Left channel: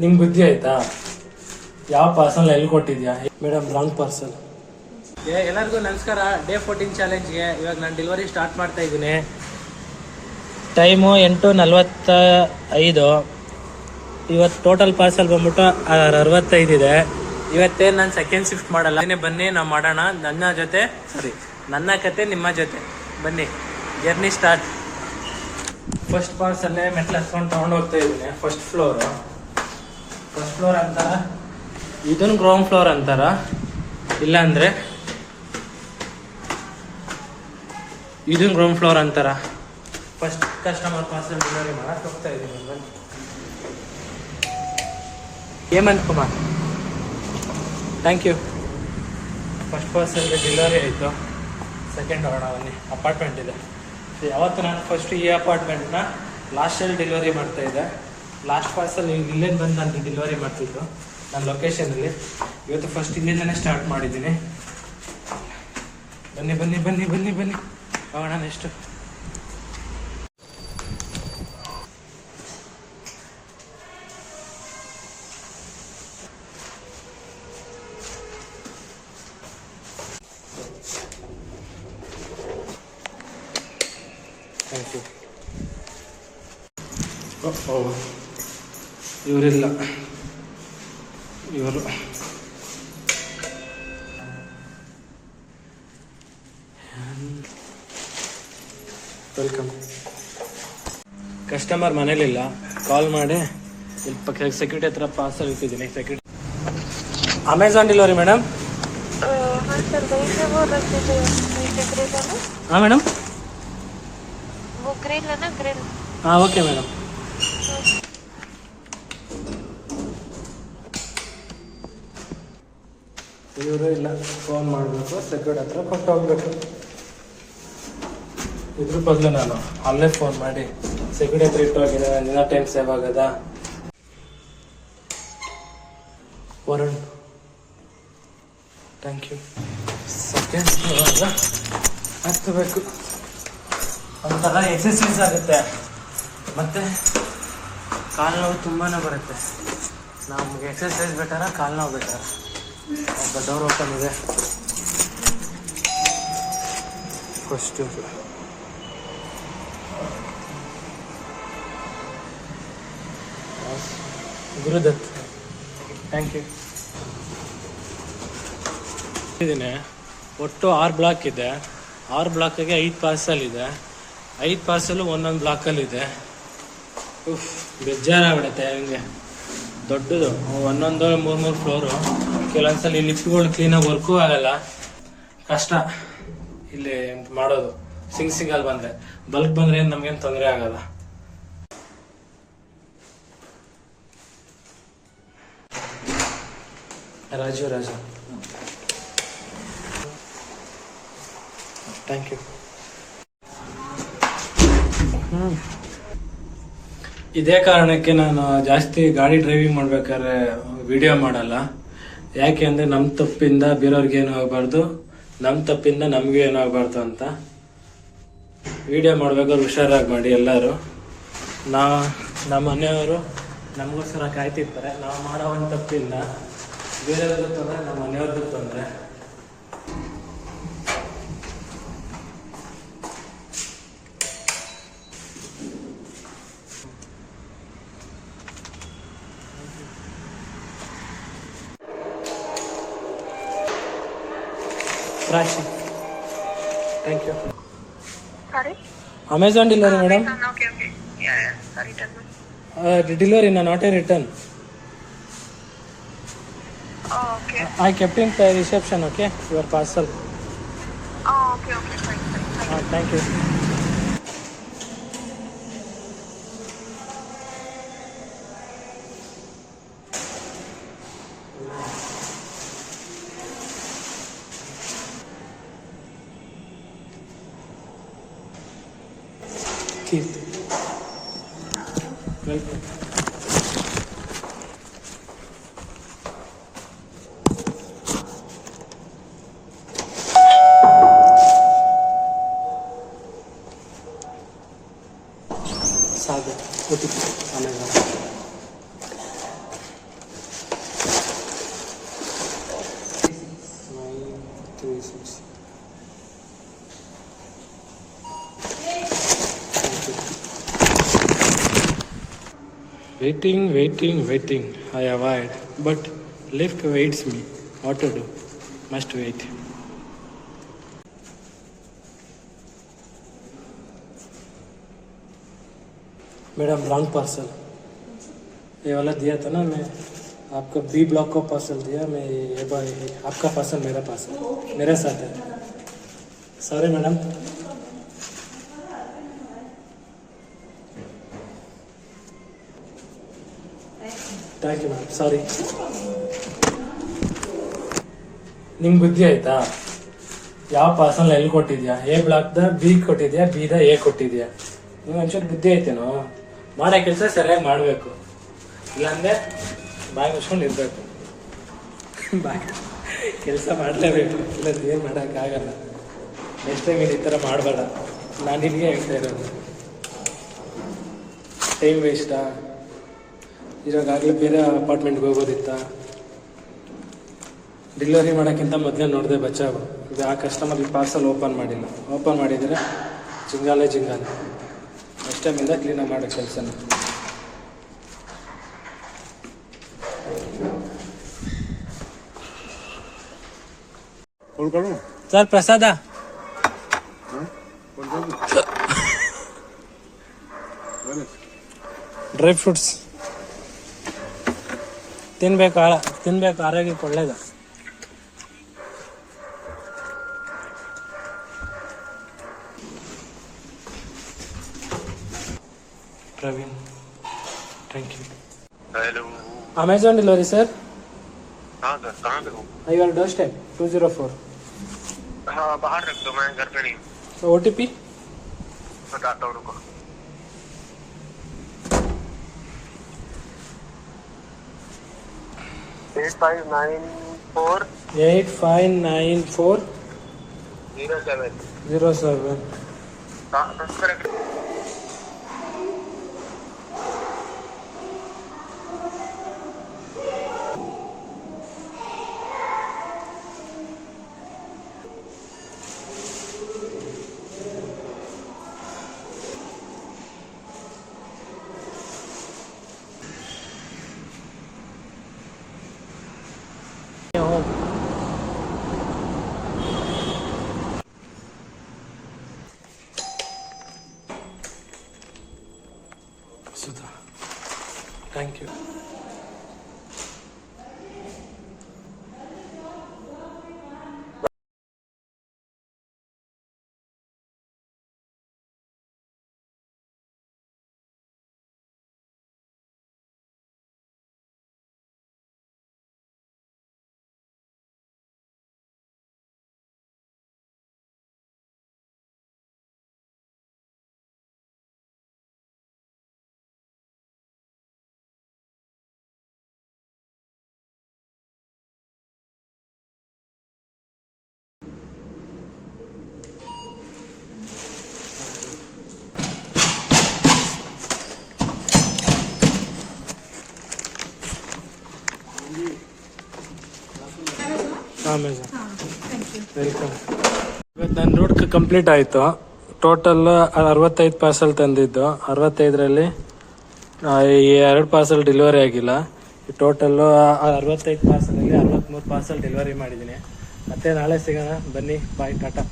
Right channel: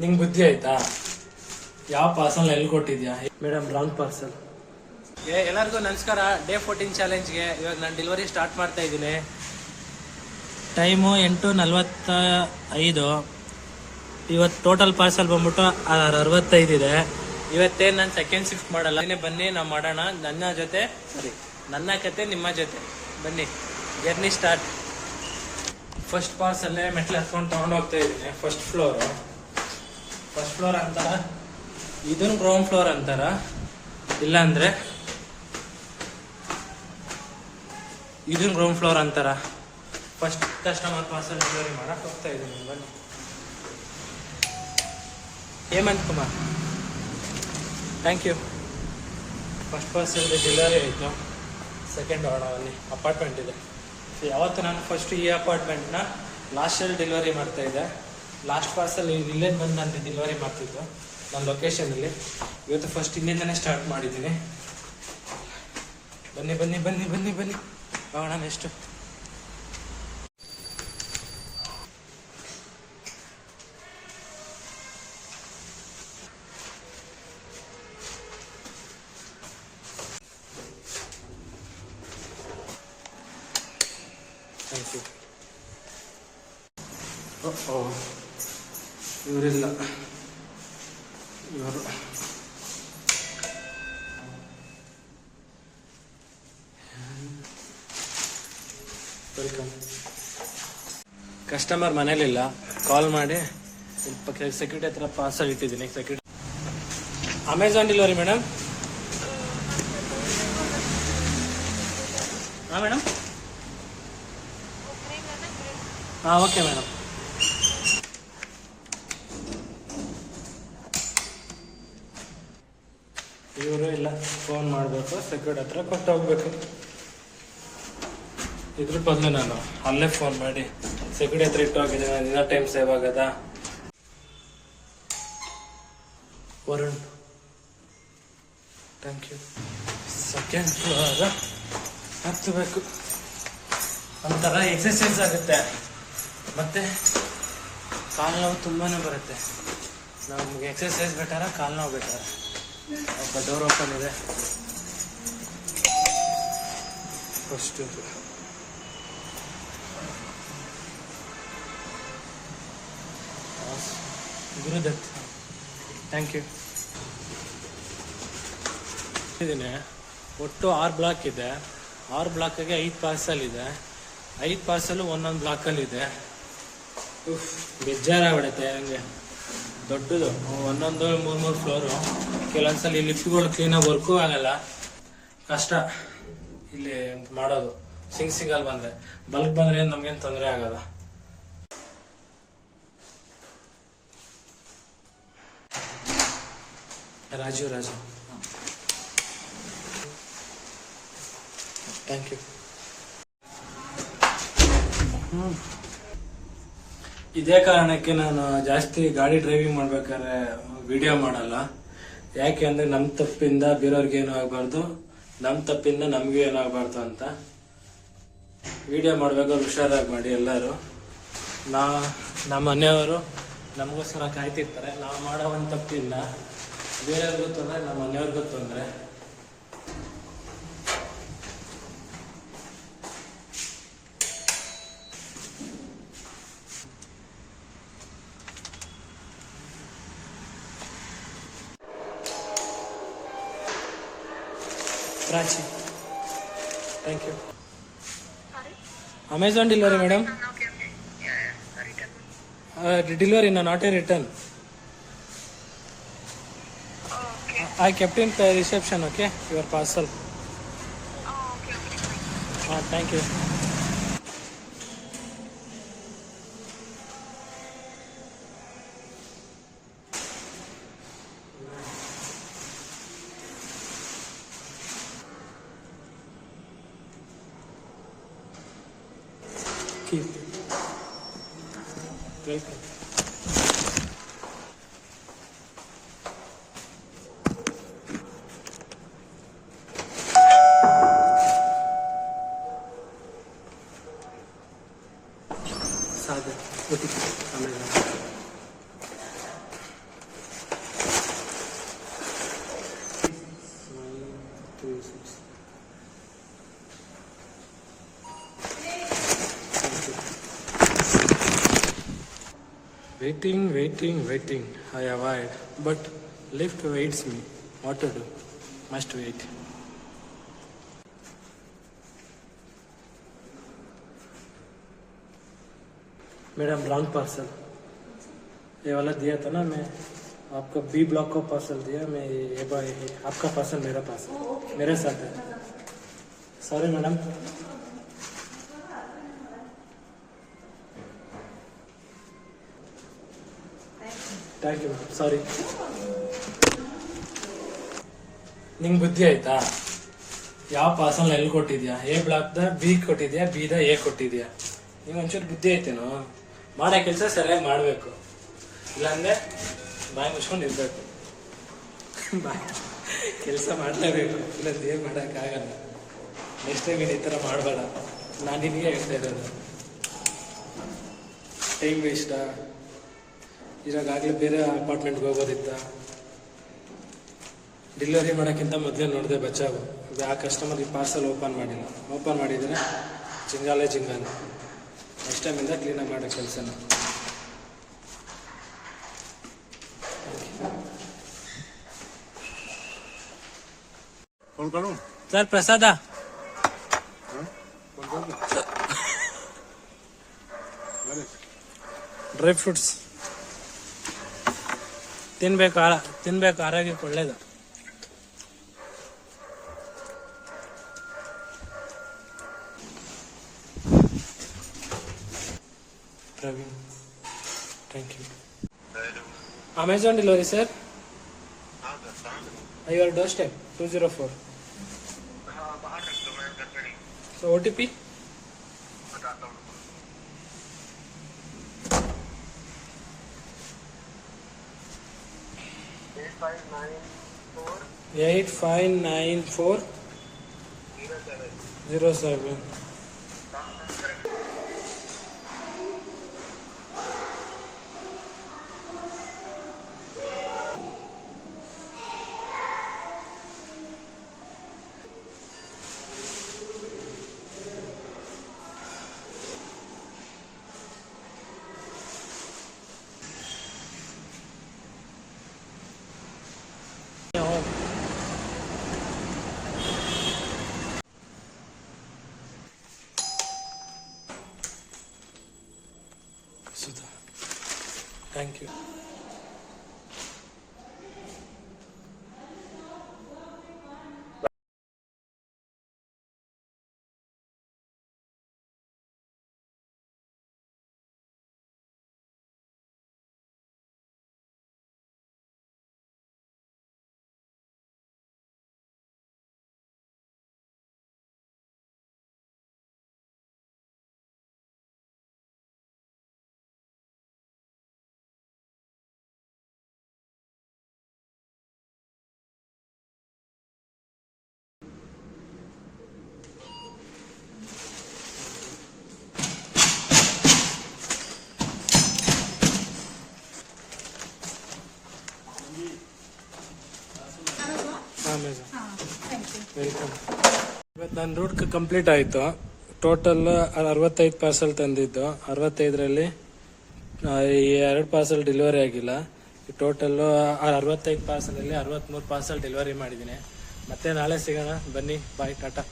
ನಿಂಗೆ ಬುದ್ಧಿ ಆಯ್ತಾ? ಯಾವ ಪಾರ್ಸಲ್ ಎಲ್ಲಿ ಕೊಟ್ಟಿದ್ಯಾ? Madam wrong parcel. ಎಲ್ಲರಿಗೂ ನಮಸ್ಕಾರ. ಡೇ 14 ಚಾಲೆಂಜ್ಗೆ ಇವಾಗ ನಾನು ಡೆಲಿವರಿ ಸ್ಟಾರ್ಟ್ ಮಾಡ್ತಾ ಇದ್ದೀನಿ. ಟೈಮು 8:45. ಇವತ್ತು ಟೋಟಲ್ ಪಾರ್ಸಲ್ ಬಂದ್ಬಿಟ್ಟು 65 ಇದೆ. ಇವತ್ತೇನು ನಾನು ಸೆಕೆಂಡ್ ಶಿಫ್ಟ್ ಮಾಡಲ್ಲ. ಬನ್ನಿ ನಾವು ಮಾಡೋಣ. ನನ್ನ ಕತೆ ನಿಮ್ಮ ಜೊತೆ ಬನ್ನಿ. Journey start. ಫಸ್ಟ್ ಪಾರ್ಸಲ್ಲೇ ಮೆಟ್ಲು ಹತ್ಕೊಂಡು ತೊಗೊಂಡು ಹೋಗ್ತಾ ಇದ್ದೀನಿ. ಫಸ್ಟ್ ಫ್ಲೋರ್ ಅಂತಾರ, ಇದನ್ನು ಗ್ರೌಂಡ್ ಫ್ಲೋರ್ ಅಂತಾರ, ಇಲ್ಲ ಅಂದ್ರೆ ಇದನ್ನು ಗ್ರೌಂಡ್ ಫ್ಲೋರ್ ಅಂತಾರ. ಫಸ್ಟ್ ಕಸ್ಟಮರ್ ಪಾರ್ಸಲ್ ಡೆಲಿವರಿ ಮಾಡಕ್ಕೆ ಹೋಗ್ತಾ ಇದ್ದೀನಿ. ಬನ್ನಿ. Hemant Kumar, thank you. First parcel delivery ಆಯಿತು. ಸೆಕೆಂಡ್ ಹೊರಡ ಬನ್ನಿ. ಅಪಾರ್ಟ್ಮೆಂಟ್ ಇದೆ. ಯಾವತ್ತು ನಾನು ಫಸ್ಟ್ ಈ ಅಪಾರ್ಟ್ಮೆಂಟ್ನ ಲಾಸ್ಟಲ್ಲಿ ಡೆಲಿವರಿ ಮಾಡ್ತಾ ಇದ್ದೆ. ಲಾಸ್ಟ್ ಪಾರ್ಸಲ್ ಇಲ್ಲೇನು ಬಂದು ನಾನು ಡೆಲಿವರಿ ಮಾಡ್ತಿದ್ದು ನನ್ನ ಲೊಕೇಶನಲ್ಲಿ. ಇವತ್ತು ಫಸ್ಟ್ ಇಲ್ಲಿಂದನೇ ಸ್ಟಾರ್ಟ್ ಮಾಡಿದ್ದೀನಿ. ಬನ್ನಿ ಬನ್ನಿ ಬನ್ನಿ ಬನ್ನಿ ಬನ್ನಿ ಹೋಗೋಣ ನೆಕ್ಸ್ಟು. Thank you. ಇವರಿಲ್ಲ, ಇವರು ವೆಲ್ಕಮ್. ಕಸ್ಟಮರ್ ಮನೇಲಿಲ್ಲ, ಕಾಲ್ ಮಾಡಿ ಇಲ್ಲಿ ಪಕ್ಕ ಸೆಕ್ಯೂರಿಟಿ ಹತ್ರ ಪಾರ್ಸಲ್ ಇಟ್ಟಿದ್ದೀನಿ. Security Amazon delivery madam. ಹಾಂ ಮೇಡಮ್. ಹಾಂ ಓಕೆ ಮೇಡಮ್. ಇವರು ಇಲ್ಲ, ಫೋನ್ ಮಾಡಬೇಕು, ಸೆಕ್ಯೂರಿಟಿ ಹತ್ರ ಕೊಟ್ಟು ಹೋಗ್ಬೇಕು. ಇದ್ರ ಬದಲು ನಾನು ಅಲ್ಲೇ ಫೋನ್ ಮಾಡಿ ಸೆಕ್ಯೂರಿಟಿ ಹತ್ರ ಇಟ್ಟು ಹೋಗಿದ್ದೀನಿ. ದಿನ ಟೈಮ್ ಸೇವ್ ಆಗದ. Varun, thank you. ಸೆಕೆಂಡ್ ಹತ್ತಬೇಕು. ಒಂಥರ ಎಕ್ಸಸೈಸ್ ಆಗುತ್ತೆ, ಮತ್ತೆ ಕಾಲು ನೋವು ತುಂಬಾ ಬರುತ್ತೆ. ನಮಗೆ ಎಕ್ಸಸೈಸ್ ಬೆಟರ, ಕಾಲು ನೋವು ಬೆಟರ? ಒಬ್ಬ ಡೋರ್ ಓಪನ್ ಇದೆ. First Gurudutt, thank you. ಇದೀನಿ. ಒಟ್ಟು 6 ಬ್ಲಾಕ್ ಇದೆ. 6 ಬ್ಲಾಕಿಗೆ 5 ಪಾರ್ಸಲ್ ಇದೆ. 5 ಪಾರ್ಸಲು ಒಂದೊಂದು ಬ್ಲಾಕಲ್ಲಿದೆ. ಬೇಜಾರಾಗ್ಬಿಡುತ್ತೆ. ಹಂಗೆ ದೊಡ್ಡದು ಒಂದೊಂದು 3 ಫ್ಲೋರು. ಕೆಲವೊಂದ್ಸಲ ಲಿಫ್ಟ್ಗಳು ಕ್ಲೀನಾಗಿ ವರ್ಕೂ ಆಗಲ್ಲ. ಕಷ್ಟ ಇಲ್ಲಿ ಮಾಡೋದು. ಸಿಂಗಲ್ ಬಂದರೆ, ಬಲ್ಕ್ ಬಂದರೆ ಏನು ನಮಗೇನು ತೊಂದರೆ ಆಗಲ್ಲ. Raju thank you. ಇದೇ ಕಾರಣಕ್ಕೆ ನಾನು ಜಾಸ್ತಿ ಗಾಡಿ ಡ್ರೈವಿಂಗ್ ಮಾಡ್ಬೇಕಾದ್ರೆ ವಿಡಿಯೋ ಮಾಡಲ್ಲ. ಯಾಕೆ ಅಂದರೆ ನಮ್ಮ ತಪ್ಪಿಂದ ಬೇರೆಯವ್ರಿಗೆ ಏನೂ ಆಗಬಾರ್ದು, ನಮ್ಮ ತಪ್ಪಿಂದ ನಮಗೂ ಏನೂ ಆಗಬಾರ್ದು ಅಂತ. ವಿಡಿಯೋ ಮಾಡ್ಬೇಕಾದ್ರೆ ಹುಷಾರಾಗಿ ಮಾಡಿ ಎಲ್ಲರೂ. ನಮ್ಮ ಮನೆಯವರು ನಮಗೋಸ್ಕರ ಕಾಯ್ತಿರ್ತಾರೆ. ನಾವು ಮಾಡೋ ಒಂದು ತಪ್ಪಿಂದ ಬೇರೆಯವ್ರಿಗೂ ತೊಂದರೆ, ನಮ್ಮ ಮನೆಯವ್ರಿಗೂ ತೊಂದರೆ. Prachi, thank you. Sorry? Amazon delivery, madam. Okay. Yeah. Sorry, tell me. Delivery, not a return. Oh, okay. I kept in reception, okay? Your parcel. Oh, okay. Fine. Thank you. Kirti, welcome. Sagar OTP आने वाला। Waiting. I avoid. But lift waits me. What to do? Must wait. Madam wrong parcel ये वाला दिया था ना मैं आपको B block को पार्सल दिया मैं ये आपका पार्सल मेरा पार्सल मेरे साथ है sorry madam thank you ma'am sorry ನಿಂಗೆ ಬುದ್ಧಿ ಆಯ್ತಾ ಯಾವ ಪಾರ್ಸಲ್ ಎಲ್ಲಿ ಕೊಟ್ಟಿದ್ಯಾ ಎ ಬ್ಲಾಕ್ದ ಬಿ ಕೊಟ್ಟಿದ್ಯಾ ಬಿದ ಎ ಕೊಟ್ಟಿದ್ಯಾ ನಿಂಗೆ ಒಂಚೂರು ಬುದ್ಧಿ ಐತೇನೋ ಮಾಡೋ ಕೆಲಸ ಸರಿಯಾಗಿ ಮಾಡಬೇಕು ಇಲ್ಲಾಂದ್ರೆ ಬಾಯಿ ಮುಚ್ಕೊಂಡು ಇರಬೇಕು ಬಾಯ್ ಕೆಲಸ ಮಾಡಲೇಬೇಕು ಇಲ್ಲ ಏನು ಮಾಡೋಕ್ಕಾಗಲ್ಲ ನೆಕ್ಸ್ಟ್ ಟೈಮ್ ನೀನು ಈ ಥರ ಮಾಡಬೇಡ ನಾನು ನಿನಗೆ ಹೇಳ್ತಾ ಇರೋದು ಟೈಮ್ ವೇಸ್ಟಾ ಇವಾಗಲೇ ಬೇರೆ ಅಪಾರ್ಟ್ಮೆಂಟ್ಗೆ ಹೋಗೋದಿತ್ತಾ ಡೆಲಿವರಿ ಮಾಡೋಕ್ಕಿಂತ ಮೊದಲೇ ನೋಡಿದೆ ಬಚ್ಚಾವು ಇದು ಆ ಕಸ್ಟಮರ್ಗೆ ಪಾರ್ಸಲ್ ಓಪನ್ ಮಾಡಿಲ್ಲ ಓಪನ್ ಮಾಡಿದರೆ ಜಿಂಗಾಲೆ ನೆಕ್ಸ್ಟ್ ಟೈಮಿಂದ ಕ್ಲೀನಾಗಿ ಮಾಡೋ ಕೆಲಸನ ಸರ್ ಪ್ರಸಾದ ಡ್ರೈ ಫ್ರೂಟ್ಸ್ ತಿನ್ಬೇಕು ಆರೋಗ್ಯಕ್ಕೆ ಒಳ್ಳೇದು Praveen thank you hello Amazon delivery sir हाँ सर कहाँ पे हो योर डोर स्टेप 204 हाँ बाहर रख दो मैं घर पे नहीं तो OTP बताता हूँ रुको 8594 07 सुधा थैंक यू ವೆಲ್ಕಮ್ ಇವತ್ತು ನನ್ನ ರೂಟ್ ಕಂಪ್ಲೀಟ್ ಆಯಿತು ಟೋಟಲ್ 65 ಪಾರ್ಸಲ್ ತಂದಿದ್ದು 65ರಲ್ಲಿ 2 ಪಾರ್ಸಲ್ ಡೆಲಿವರಿ ಆಗಿಲ್ಲ ಟೋಟಲ್ಲು 65 ಪಾರ್ಸಲಲ್ಲಿ 63 ಪಾರ್ಸಲ್ ಡೆಲಿವರಿ ಮಾಡಿದ್ದೀನಿ ಮತ್ತೆ ನಾಳೆ ಸಿಗೋಣ ಬನ್ನಿ ಬಾಯ್ ಟಾಟಾ